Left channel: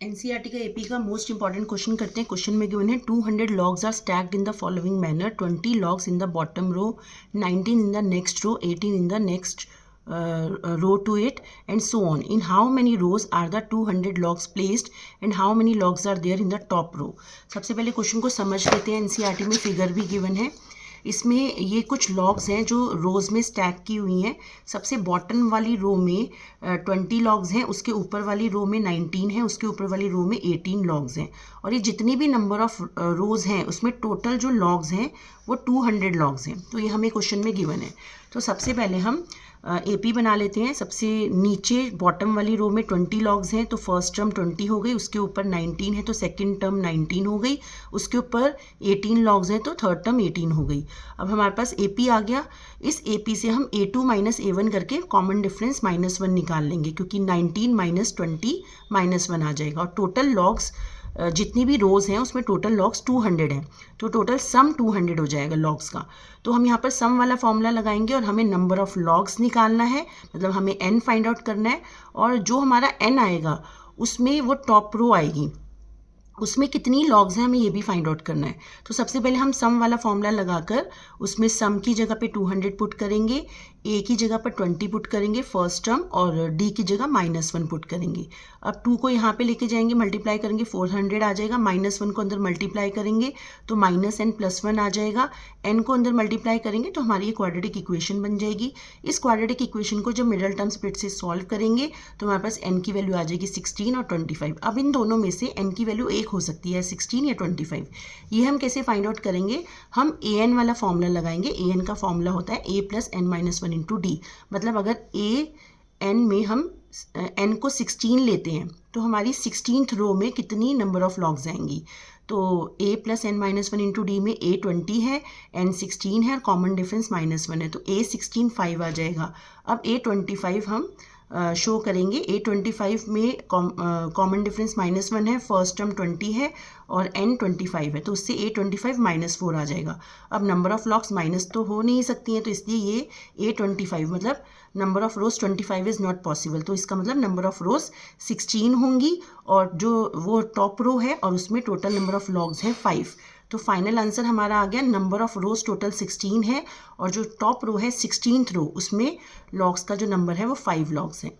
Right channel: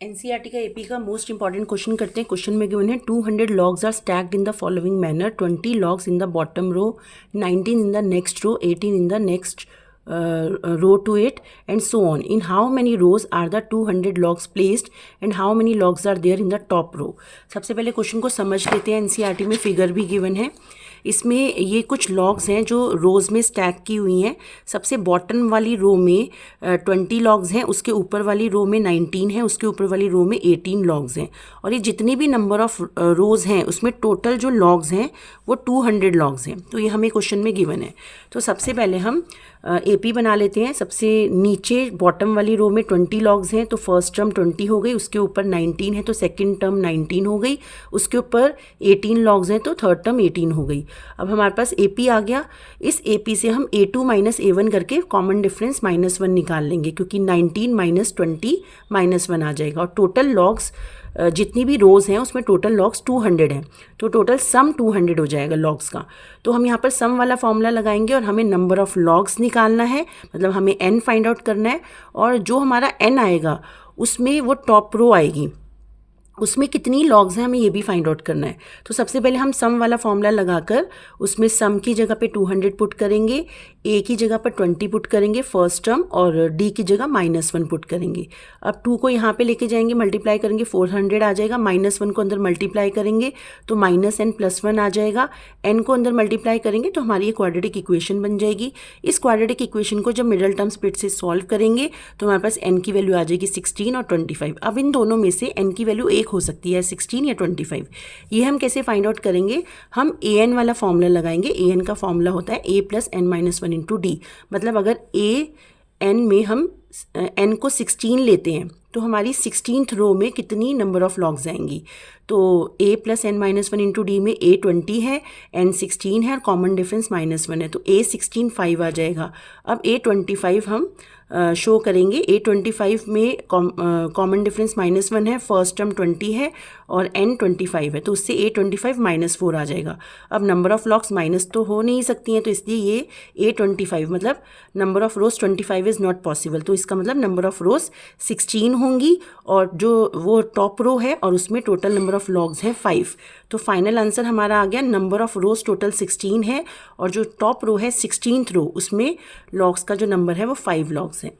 NCERT का AP का most important question करते हैं। क्वेश्चन में गिवन है 200 logs are stacked in the following manner, 20 logs in the bottom row, 19 in the next row, 18 in the next row to it, and so on. In how many rows are the 200 logs placed and how many logs are there in the top row? सबसे पहले question को समझ लेते हैं। NCERT में figure भी given है। इसमें ये कुछ लॉग्स हैं जो रोज़ में स्टैक की हुई हैं। सबसे बॉटम वाली रो में 20 लॉग्स हैं, उसके ऊपर वाली रो में 19 है, उसके ऊपर वाली रो में 18 लॉग्स हैं। और ये जितनी भी नंबर ऑफ रोज़ हैं उसमें टोटल जो लॉग्स हैं वो 200 लॉग्स हैं। तो ये हमें क्वेश्चन में गिवन है। तो सबसे पहले हम एपी बना लेते हैं। सबसे नीचे बॉटम वाली रो में 20 लॉग्स हैं, तो फर्स्ट टर्म 20 हो गई, उसके ऊपर 19 है तो सेकंड टर्म 19 हो गई, उसके ऊपर 18 लॉग्स हैं तो थर्ड टर्म 18 हो गई। अब हमारे पास एपी आ गया। इस एपी से हम A2 माइनस A1 करके कॉमन डिफरेंस -1 निकाल लेंगे, क्योंकि 19 माइनस 20 -1 आ जाएगा। और टोटल लॉग्स जितनी भी रोज़ हैं उसमें टोटल लॉग्स 200 हैं, तो टोटल सम 200 हो जाएगा लॉग्स का। तो हम यहाँ पर सम वाला फॉर्मूला लगाएंगे और हमें नंबर ऑफ़ लॉग्स निकालना है, मतलब हमें n फाइंड आउट करना है। और जो हमारा n आएगा उसमें वो टॉप रो आएगी, उसमें कितनी लॉग्स हैं हमें ये भी फाइंड आउट करना है। तो सबसे पहले हम सम वाला फॉर्मूला लगाकर उसमें सम की जगह पे 200 पुट करेंगे, ए की जगह पर 20 पुट करेंगे फर्स्ट टर्म, और डी की जगह -1 पुट करेंगे। अब 2 को यहाँ पे लेके जाएंगे, मल्टीप्लाई करेंगे, 400 आ जाएगा। -1 को अंदर मल्टीप्लाई करेंगे तो -n+1 आ जाएगा। n को अंदर मल्टीप्लाई करेंगे तो हमारी ये क्वाड्रेटिक इक्वेशन बन जाएगी। इस क्वाड्रेटिक इक्वेशन को जब मिडल टर्म स्प्लिट से सॉल्व करेंगे तो हमारे पास n की वैल्यू आ जाएगी 16 और 25। अब इन दोनों में से n की वैल्यू एक हो सकती है, 16 या 25। ये हम कैसे फाइंड आउट करेंगे? हम an वाला फॉर्मूला लगाएंगे। an का फॉर्मूला होता है a + n-1 × d। मतलब अगर an में हम n को 16 लेते हैं तो हमारी 16th रो में कितनी नंबर ऑफ लॉग्स आएंगी? तो a + n-1 × d में a 20 है, n 16 है और कॉमन डिफरेंस -1 है, तो a 16 5 आ जाएगा। अब a 25 हम शो करेंगे। a 25 में कॉमन डिफरेंस -1 है, फर्स्ट टर्म 20 है और n 25 है, तो उससे a 25 -4 आ जाएगा। अब नंबर ऑफ लॉग्स माइनस तो हो नहीं सकती हैं, तो इसलिए ये a 25 मतलब number of rose 25 is not possible. तो इसका मतलब नंबर ऑफ रोज 16 होंगी और जो वो टॉप रो है और उसमें टोटल नंबर ऑफ लॉग्स हैं 5। तो फाइनल आंसर हमारा आ गया, नंबर ऑफ रोज टोटल 16 है और जो टॉप रो है 16th रो उसमें लॉग्स का जो नंबर है वो 5 लॉग्स हैं।